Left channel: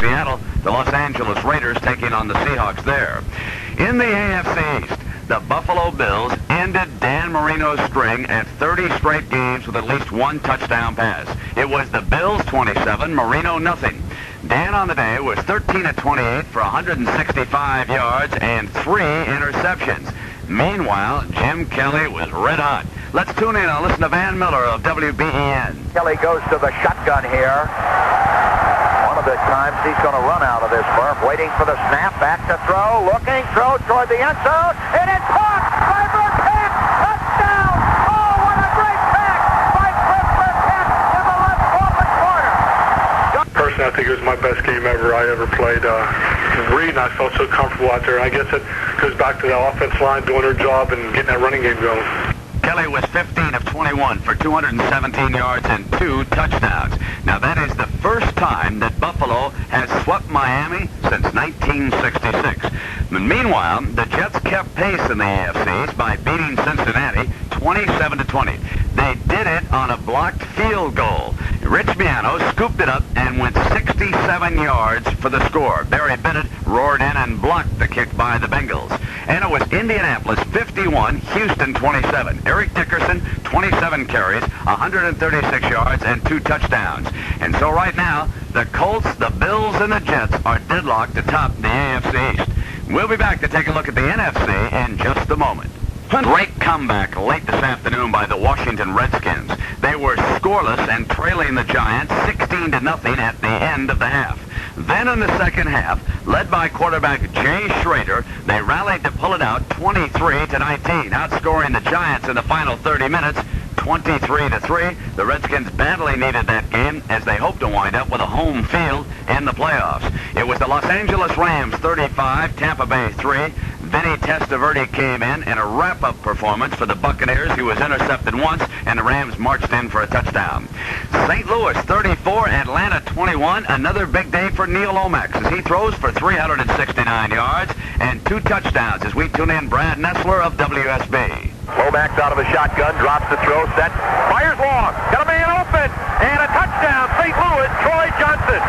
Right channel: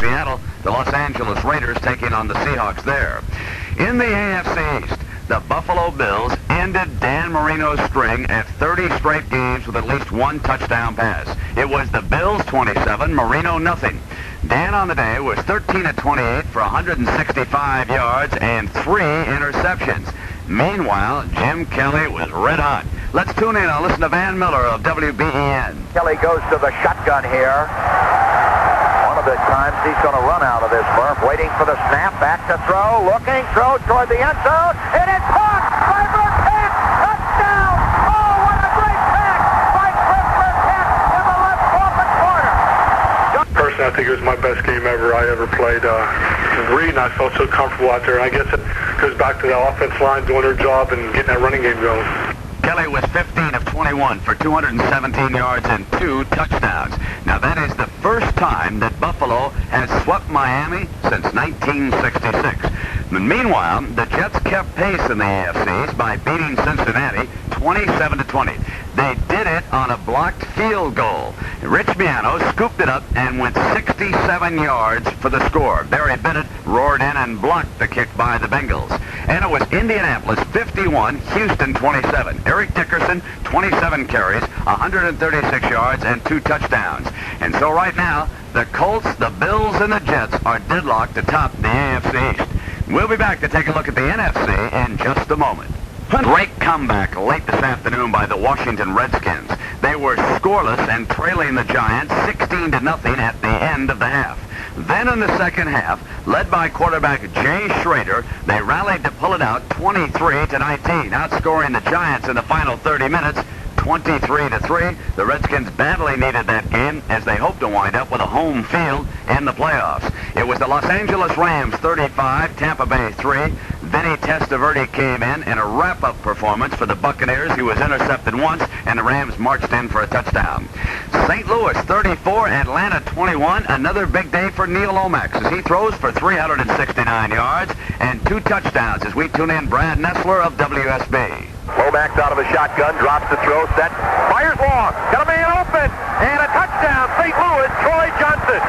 Seattle, the Los Angeles Raiders taking on the Seahawks there. In the AFC East, the Buffalo Bills ended Dan Marino's string at 30 straight games with at least one touchdown pass. It was the Bills 27, Marino nothing. Dan on the day was 13 of 28 for 165 yards and 3 interceptions. Meanwhile, Jim Kelly was red hot. Let's tune in and listen to Van Miller of WBEN. Kelly goes to the shotgun here. One of the times he's going to run out of this berth, waiting for the snap, back to throw, looking, throw toward the end zone, and it's caught by Burkett! Touchdown! Oh, what a great catch by Chris Burkett in the left open corner! Personally, I think it was my best game ever I ever played. Reed, I felt so comfortable out there. I guess it goes back to the offensive line doing their job and getting that running game going. Kelly was 15 of 21 for 217 yards and 2 touchdowns. Now, that is the first time that Buffalo has swept Miami since 1966. Meanwhile, the Jets kept pace in the AFC by beating Cincinnati 27-20. They did it on a blocked field goal. Rich Miano scooped it up and went 67 yards for the score. Barry Bennett roared in and blocked the kick by the Bengals. And it was Indianapolis 51, Houston 27. Eric Dickerson, 27 carries, 136 yards, and 2 touchdowns. And so right now, the Colts, the Bills, and the Jets are deadlocked atop the AFC East. We'll be back to take a look at the NFC in just a moment. Great comeback late this afternoon by the Washington Redskins. They were scoreless and trailing the Giants 16-0 at the end of the half. Then in the second half, led by quarterback Jay Schrader, they rallied to pull it out 23-19, outscoring the Giants in the final 30 minutes 23-3. The Redskins badly needed that game as they hoped to wind up with a home field in the playoffs. It was the Los Angeles Rams 35, Tampa Bay 3. Vinny Testaverde came in a wrap-up performance for the Buccaneers. He was intercepted once, and the Rams marched in for a touchdown. St. Louis 34, Atlanta 21. Another big day for Neil Lomax as he throws for 369 yards and 2 touchdowns as we tune in Brad Nessler of WSB. Lomax out of the shotgun, drops the throw, set, fires long, got a man open, and a touchdown, St. Louis, Troy Johnson.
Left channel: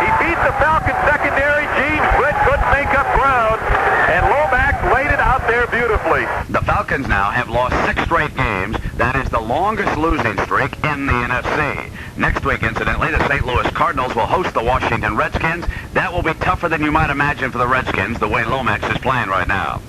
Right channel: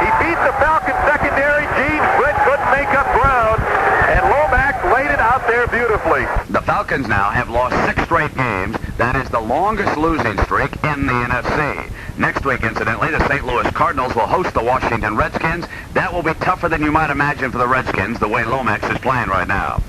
He beat the Falcons secondary, Gene Britt couldn't make up ground, and Lomax laid it out there beautifully. The Falcons now have lost 6 straight games. That is the longest losing streak in the NFC. Next week, incidentally, the St. Louis Cardinals will host the Washington Redskins. That will be tougher than you might imagine for the Redskins, the way Lomax is playing right now.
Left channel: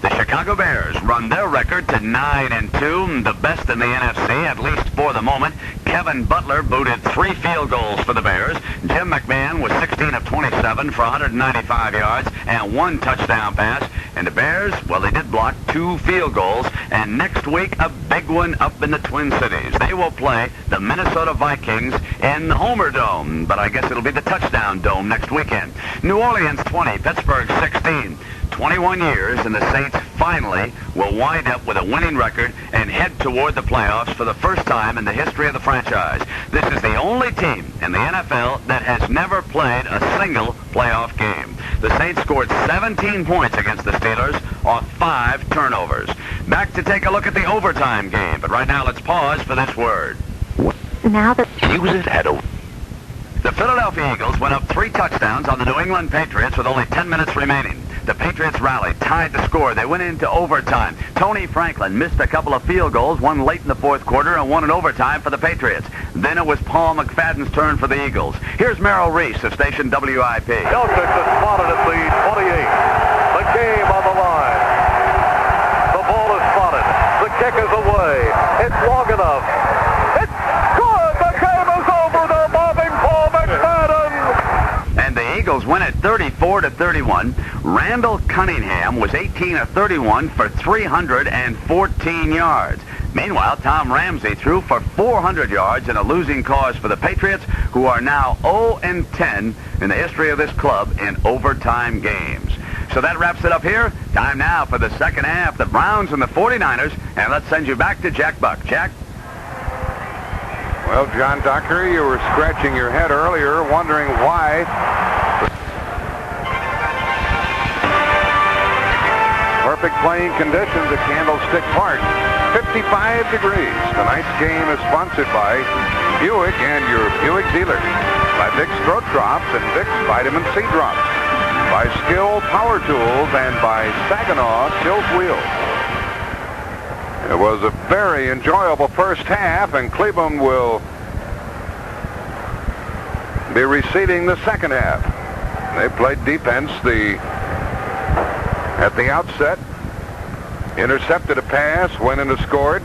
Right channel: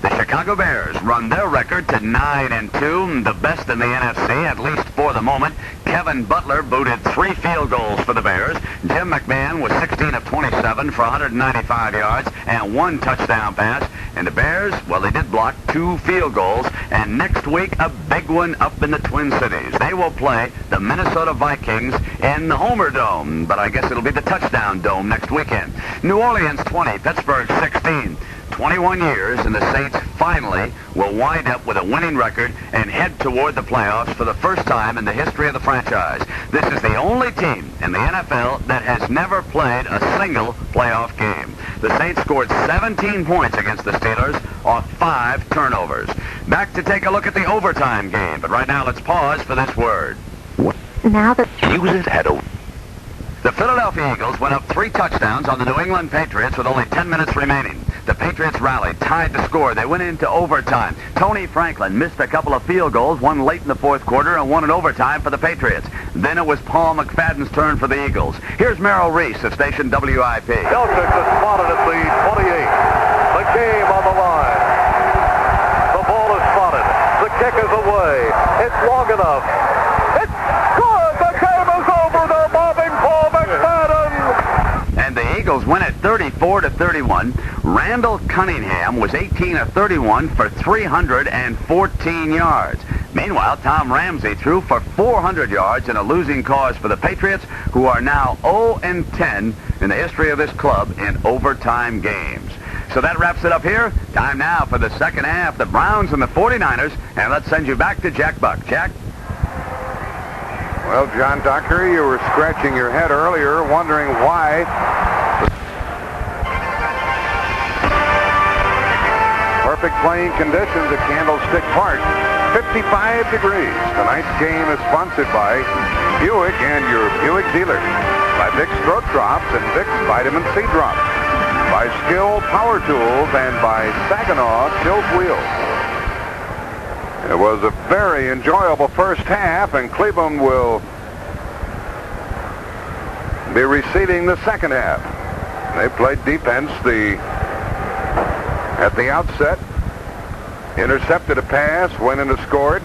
The Chicago Bears run their record to 9-2, the best in the NFC, at least for the moment. Kevin Butler booted 3 field goals for the Bears. Jim McMahon was 16 of 27 for 195 yards and 1 touchdown pass. And the Bears, well, they did block 2 field goals. And next week, a big one up in the Twin Cities. They will play the Minnesota Vikings in the Homer Dome, but I guess it'll be the Touchdown Dome next weekend. New Orleans 20, Pittsburgh 16. 21 years, and the Saints finally will wind up with a winning record and head toward the playoffs for the first time in the history of the franchise. This is the only team in the NFL that has never played a single playoff game. The Saints scored 17 points against the Steelers off 5 turnovers. Back to take a look at the overtime game, but right now let's pause for this word. Now that The Philadelphia Eagles went up 3 touchdowns on the New England Patriots with only 10 minutes remaining. The Patriots rallied, tied the score. They went into overtime. Tony Franklin missed a couple of field goals, one late in the fourth quarter and one in overtime for the Patriots. Then it was Paul McFadden's turn for the Eagles. Here's Merrill Reese of station WIP. Celtics are spotted at the 28. The game on the line. The ball is spotted. The kick is away. It's long enough. It's good. The game is over. They're mobbing Paul McFadden. And the Eagles win it 34-31. Randall Cunningham was 18 of 31 for 314 yards. Meanwhile, Tom Ramsey threw for 400 yards in a losing cause for the Patriots, who are now 0-10 in the history of this club in overtime games. So that wraps it up here. Time now for the second half, the Browns and the 49ers. And let's send you back to Jack Buck. Jack? Well, John Dockery, you were scratching your head earlier, wondering why. Perfect playing conditions at Candlestick Park. 55 degrees. Tonight's game is sponsored by Buick and your Buick dealer. By Vicks Throat Drops and Vicks Vitamin C Drops, by Skill Power Tools, and by Saginaw Tilt Wheels. It was a very enjoyable first half, and Cleveland will be receiving the second half. They played defense at the outset, intercepted a pass, went in to score.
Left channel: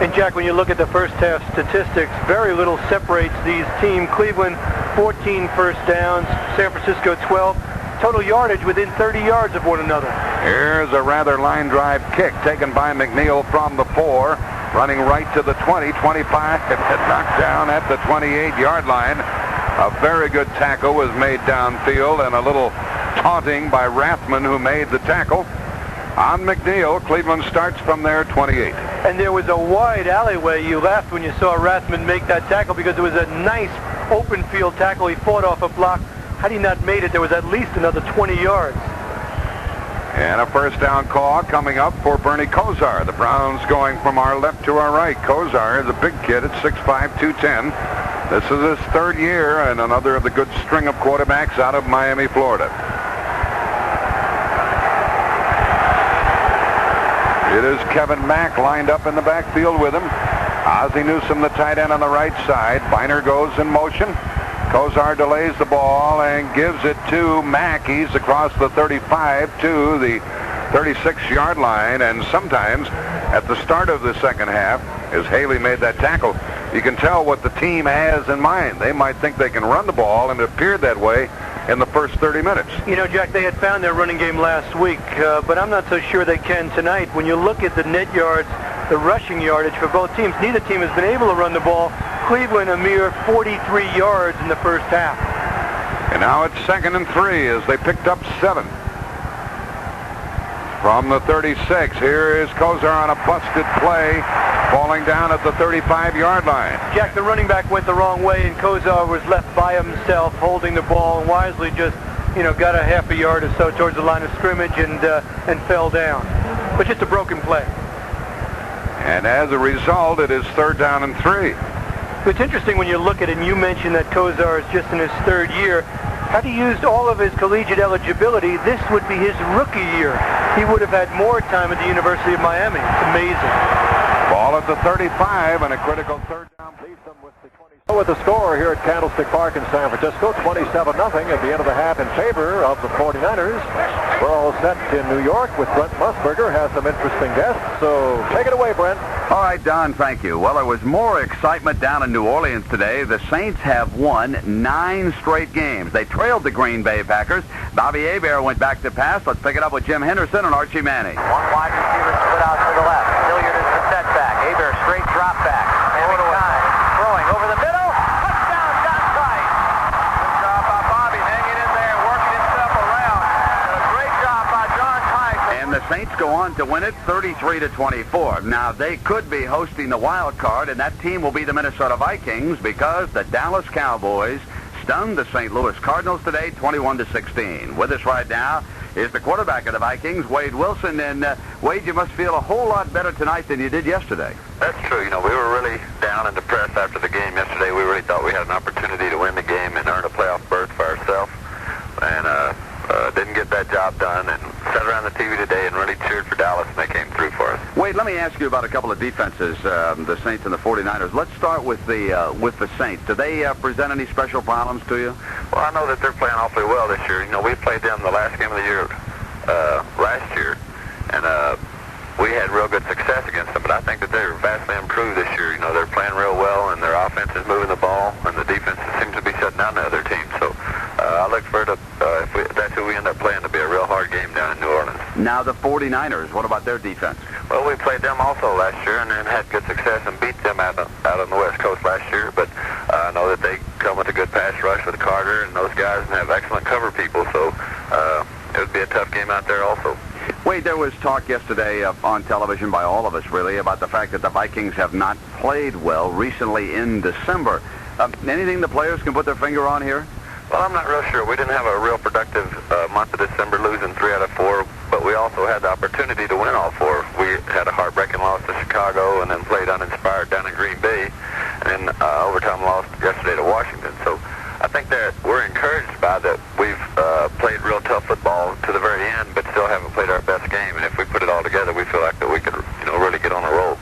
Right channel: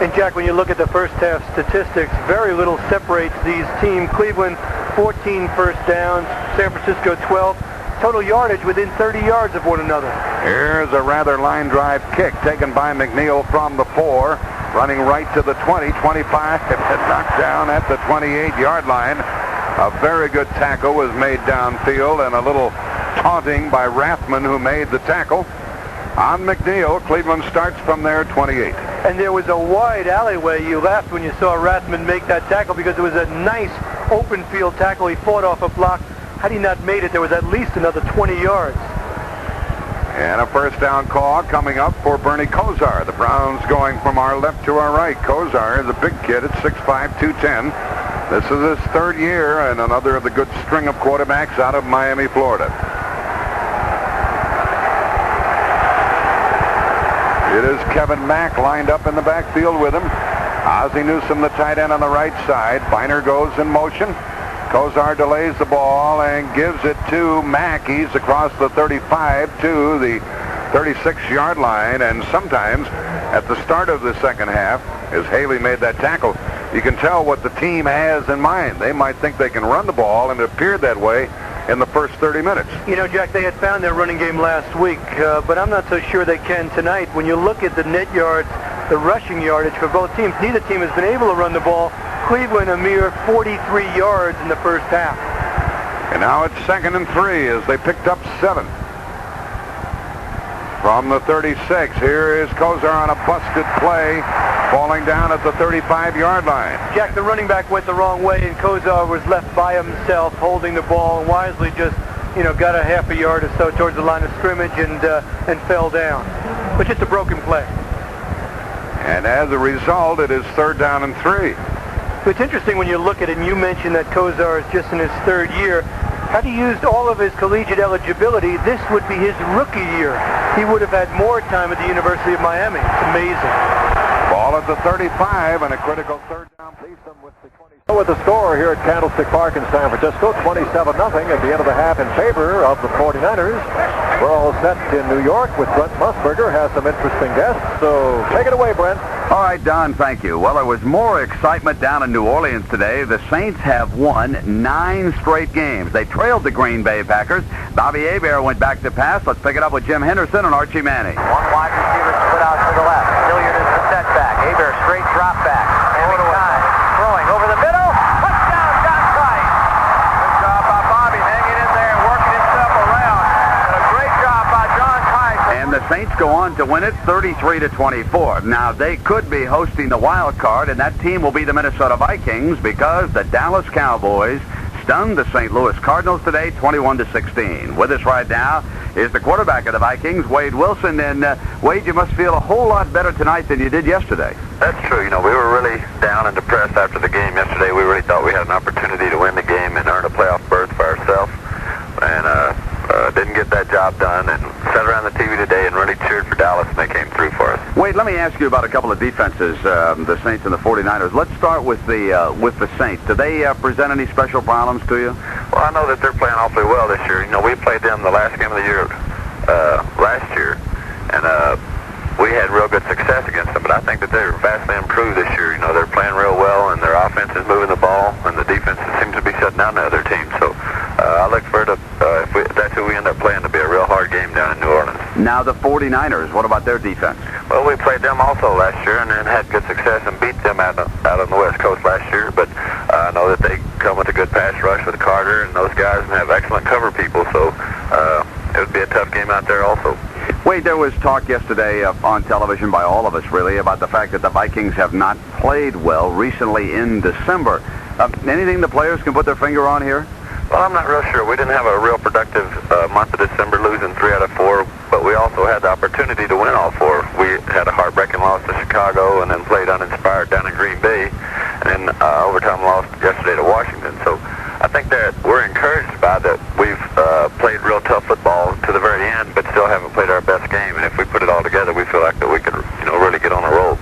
And Jack, when you look at the first half statistics, very little separates these teams. Cleveland, 14 first downs, San Francisco 12. Total yardage within 30 yards of one another. Here's a rather line drive kick taken by McNeil from the 4, running right to the 20, 25, and knocked down at the 28-yard line. A very good tackle was made downfield, and a little taunting by Rathman, who made the tackle on McNeil. Cleveland starts from their 28. And there was a wide alleyway. You laughed when you saw Rathman make that tackle because it was a nice open field tackle. He fought off a block. Had he not made it, there was at least another 20 yards. And a first down call coming up for Bernie Kosar. The Browns going from our left to our right. Kosar is a big kid at 6'5", 210. This is his third year and another of the good string of quarterbacks out of Miami, Florida. It is Kevin Mack lined up in the backfield with him. Ozzie Newsome, the tight end, on the right side. Biner goes in motion. Kosar delays the ball and gives it to Mack. He's across the 35 to the 36-yard line. And sometimes at the start of the second half, as Haley made that tackle, you can tell what the team has in mind. They might think they can run the ball, and it appeared that way in the first 30 minutes. You know, Jack, they had found their running game last week, but I'm not so sure they can tonight. When you look at the net yards, the rushing yardage for both teams, neither team has been able to run the ball. Cleveland a mere 43 yards in the first half. And now it's 2nd and 3 as they picked up 7. From the 36, here is Kosar on a busted play, falling down at the 35-yard line. Jack, the running back went the wrong way, and Kosar was left by himself holding the ball, and wisely just, got a half a yard or so towards the line of scrimmage and fell down. But just a broken play. And as a result, it is 3rd down and 3. It's interesting when you look at it, and you mentioned that Kosar is just in his 3rd year. Had he used all of his collegiate eligibility, this would be his rookie year. He would have had more time at the University of Miami. It's amazing. Ball at the 35 and a critical 3rd down. With the 20. With the score here at Candlestick Park in San Francisco, 27-0 at the end of the half in favor of the 49ers. We're all set in New York with Brent Musburger, has some interesting guests. So take it away, Brent. All right, Don, thank you. Well, there was more excitement down in New Orleans today. The Saints have won 9 straight games. They trailed the Green Bay Packers. Bobby Hebert went back to pass. Let's pick it up with Jim Henderson and Archie Manning. One wide receiver split out to the left. Hilliard is the setback. Hebert straight drop back. Having time. Throwing over the middle. Touchdown, John Price. Good job by Bobby hanging in there, working himself around. And a great job by John Price. And the Saints go on to win it 33-24. Now, they could be hosting the wild card, and that team will be the Minnesota Vikings because the Dallas Cowboys stunned the St. Louis Cardinals today 21-16. With us right now is the quarterback of the Vikings, Wade Wilson. And Wade, you must feel a whole lot better tonight than you did yesterday. That's true. We were really down and depressed after the game yesterday. We really thought we had an opportunity to win the game and earn a playoff berth for ourselves. And didn't get that job done, and sat around the TV today and really cheered for Dallas, and they came through for us. Wade, let me ask you about a couple of defenses, the Saints and the 49ers. Let's start with the Saints. Do they present any special problems to you? Well, I know that they're playing awfully well this year. We played them the last game of the year last year, and we had real good success against them, but I think that they're vastly improved this year. They're playing real well, and their offense is moving the ball, and the defense seems to be shutting down the other team. So I look for it, if that's who we end up playing, to be a real hard game down in New Orleans. Now the 49ers, what about their defense? Well, we played them also last year and then had good success and beat them out on the West Coast last year, but I know that they come with a good pass rush with Carter and those guys and have excellent cover people, so it would be a tough game out there also. Wade, there was talk yesterday on television by all of us, really, about the fact that the Vikings have not played well recently in December. Anything the players can put their finger on here? Well, I'm not real sure. We didn't have a real productive month of December, losing 3 out of 4, but we also had the opportunity to win all 4. We had a heartbreaking loss to Chicago and then played uninspired down in Green Bay, and then overtime loss yesterday to Washington. So I think that we're encouraged by that. We've played real tough football to the very end, but still haven't played our best game. And if we put it all together, we feel like that we can, really get on a roll.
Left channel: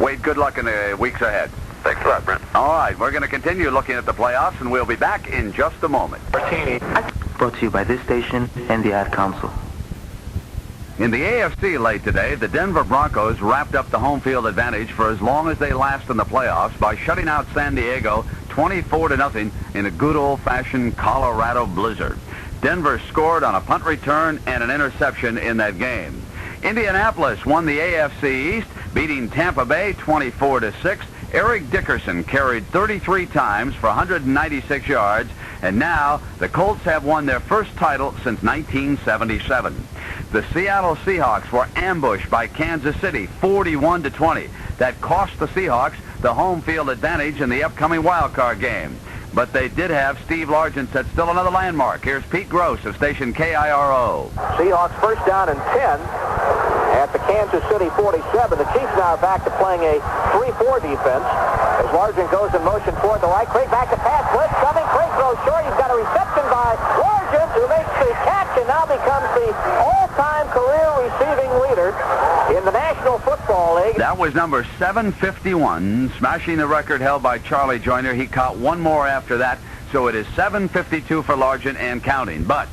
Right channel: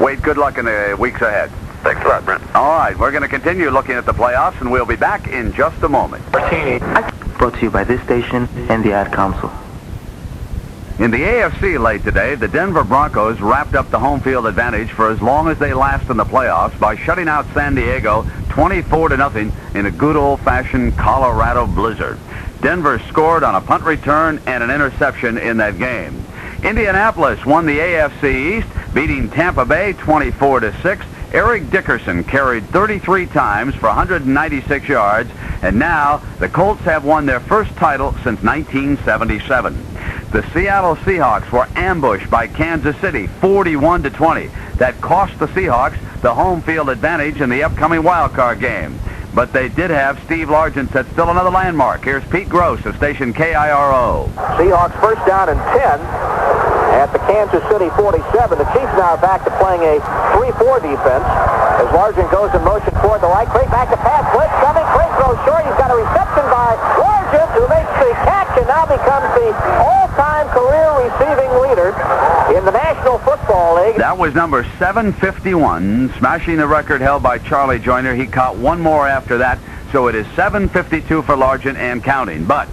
Wade, good luck in the weeks ahead. Thanks a lot, Brent. All right, we're going to continue looking at the playoffs, and we'll be back in just a moment. Brought to you by this station and the Ad Council. In the AFC late today, the Denver Broncos wrapped up the home field advantage for as long as they last in the playoffs by shutting out San Diego 24-0 in a good old-fashioned Colorado blizzard. Denver scored on a punt return and an interception in that game. Indianapolis won the AFC East, beating Tampa Bay 24-6. Eric Dickerson carried 33 times for 196 yards, and now the Colts have won their first title since 1977. The Seattle Seahawks were ambushed by Kansas City 41-20. That cost the Seahawks the home field advantage in the upcoming wild card game. But they did have Steve Largent set still another landmark. Here's Pete Gross of station KIRO. Seahawks first down and 10 at the Kansas City 47. The Chiefs now are back to playing a 3-4 defense as Largent goes in motion toward the right. Craig back to pass. Blitz coming. Craig throws short. He's got a reception by Largent, who makes the catch and now becomes the all-time career receiving leader in the National Football League. That was number 751, smashing the record held by Charlie Joyner. He caught one more after that, so it is 752 for Largent and counting. But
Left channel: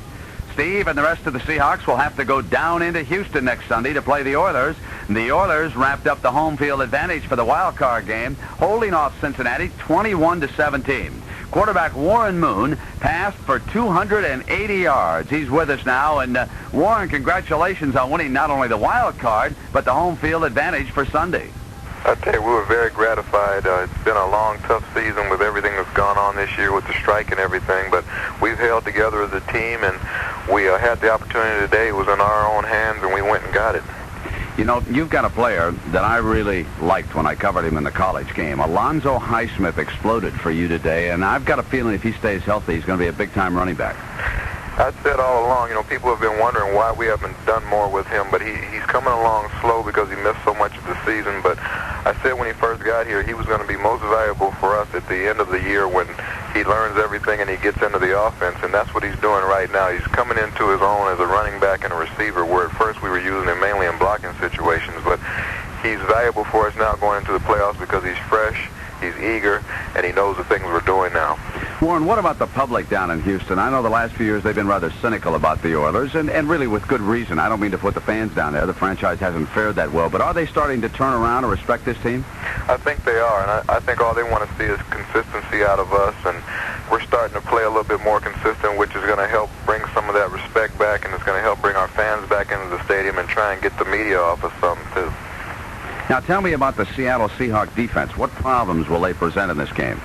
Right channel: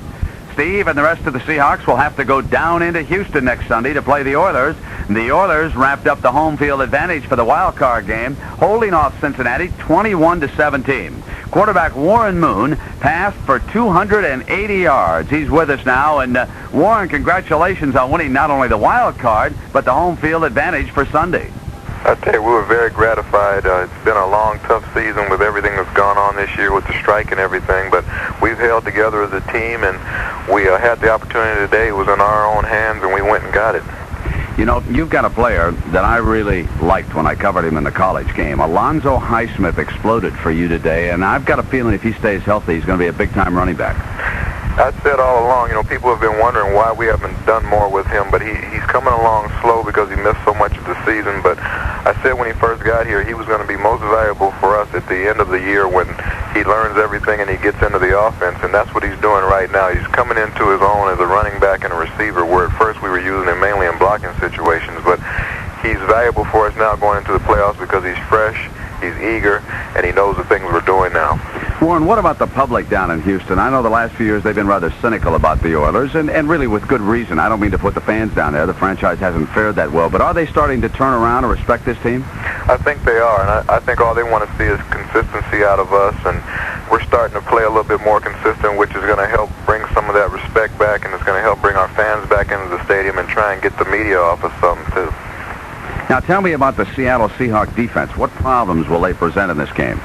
Steve and the rest of the Seahawks will have to go down into Houston next Sunday to play the Oilers. The Oilers wrapped up the home field advantage for the wild card game, holding off Cincinnati 21-17. Quarterback Warren Moon passed for 280 yards. He's with us now, and Warren, congratulations on winning not only the wild card, but the home field advantage for Sunday. I tell you, we were very gratified. It's been a long, tough season with everything that's gone on this year with the strike and everything, but we've held together as a team, and we had the opportunity today. It was in our own hands, and we went and got it. You know, you've got a player that I really liked when I covered him in the college game. Alonzo Highsmith exploded for you today, and I've got a feeling if he stays healthy, he's going to be a big-time running back. I said all along, people have been wondering why we haven't done more with him, but he's coming along slow because he missed so much of the season. But I said when he first got here, he was going to be most valuable for us at the end of the year when he learns everything and he gets into the offense, and that's what he's doing right now. He's coming into his own as a running back and a receiver, where at first we were using him mainly in blocking situations, but he's valuable for us now going into the playoffs because he's fresh, he's eager, and he knows the things we're doing now. Warren, what about the public down in Houston? I know the last few years they've been rather cynical about the Oilers, and really with good reason. I don't mean to put the fans down there. The franchise hasn't fared that well. But are they starting to turn around and respect this team? I think they are, and I think all they want to see is consistency out of us, and we're starting to play a little bit more consistent, which is going to help bring some of that respect back, and it's going to help bring our fans back into the stadium and try and get the media off of something, too. Now, tell me about the Seattle Seahawks defense. What problems will they present in this game?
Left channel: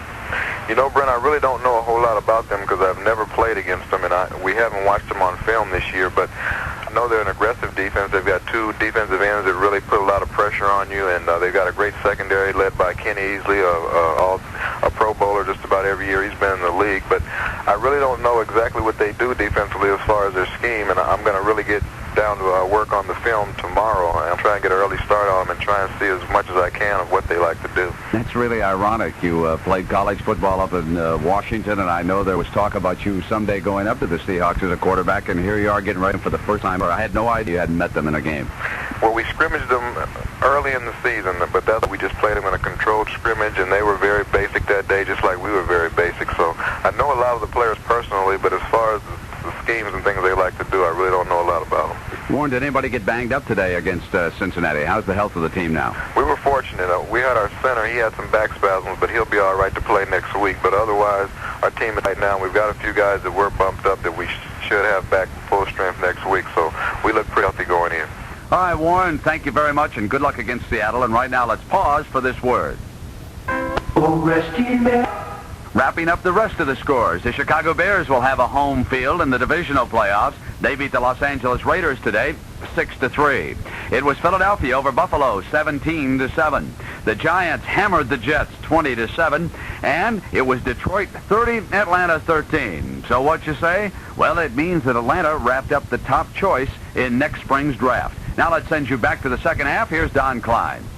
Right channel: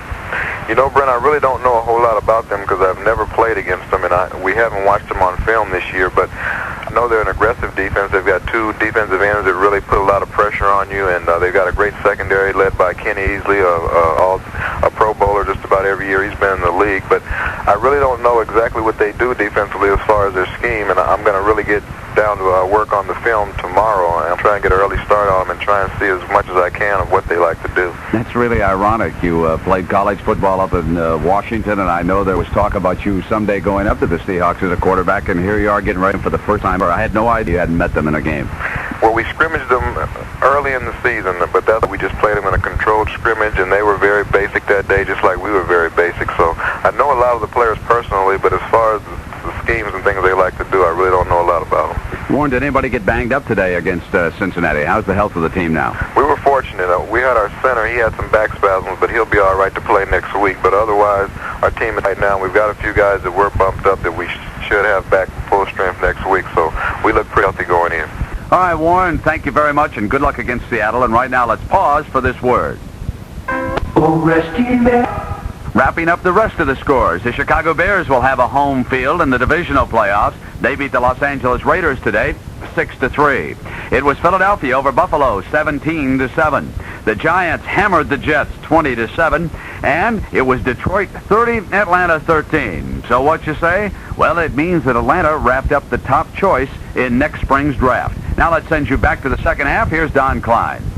Brent, I really don't know a whole lot about them because I've never played against them, and we haven't watched them on film this year, but I know they're an aggressive defense. They've got two defensive ends that really put a lot of pressure on you, and they've got a great secondary led by Kenny Easley, a Pro Bowler just about every year he's been in the league. But I really don't know exactly what they do defensively as far as their scheme, and I'm going to really get down to work on the film tomorrow, and I'll try and get an early start on them and try and see as much as I can of what they like to do. That's really ironic. You played college football up in Washington, and I know there was talk about you someday going up to the Seahawks as a quarterback, and here you are getting ready for the first time. I had no idea you hadn't met them in a game. Well, we scrimmaged them early in the season, but we just played them in a controlled scrimmage, and they were very basic that day, just like we were very basic. So I know a lot of the players personally, but as far as the schemes and things they like to do, I really don't know a lot about them. Warren, did anybody get banged up today against Cincinnati? How's the health of the team now? We were fortunate. We had our center. He had some back spasms, but he'll be all right to play next week. But otherwise, our team right now, we've got a few guys that were bumped up that we should have back full strength next week. So we look pretty healthy going in. All right, Warren, thank you very much, and good luck against Seattle. And right now, let's pause for this word. Wrapping up the rest of the scores, the Chicago Bears will have a home field in the divisional playoffs. They beat the Los Angeles Raiders today, 6-3. It was Philadelphia over Buffalo 17-7. The Giants hammered the Jets 20-7, and it was Detroit 30, Atlanta 13. So what you say? Well, it means that Atlanta wrapped up the top choice in next spring's draft. Now let's send you back to the second half. Here's Don Klein.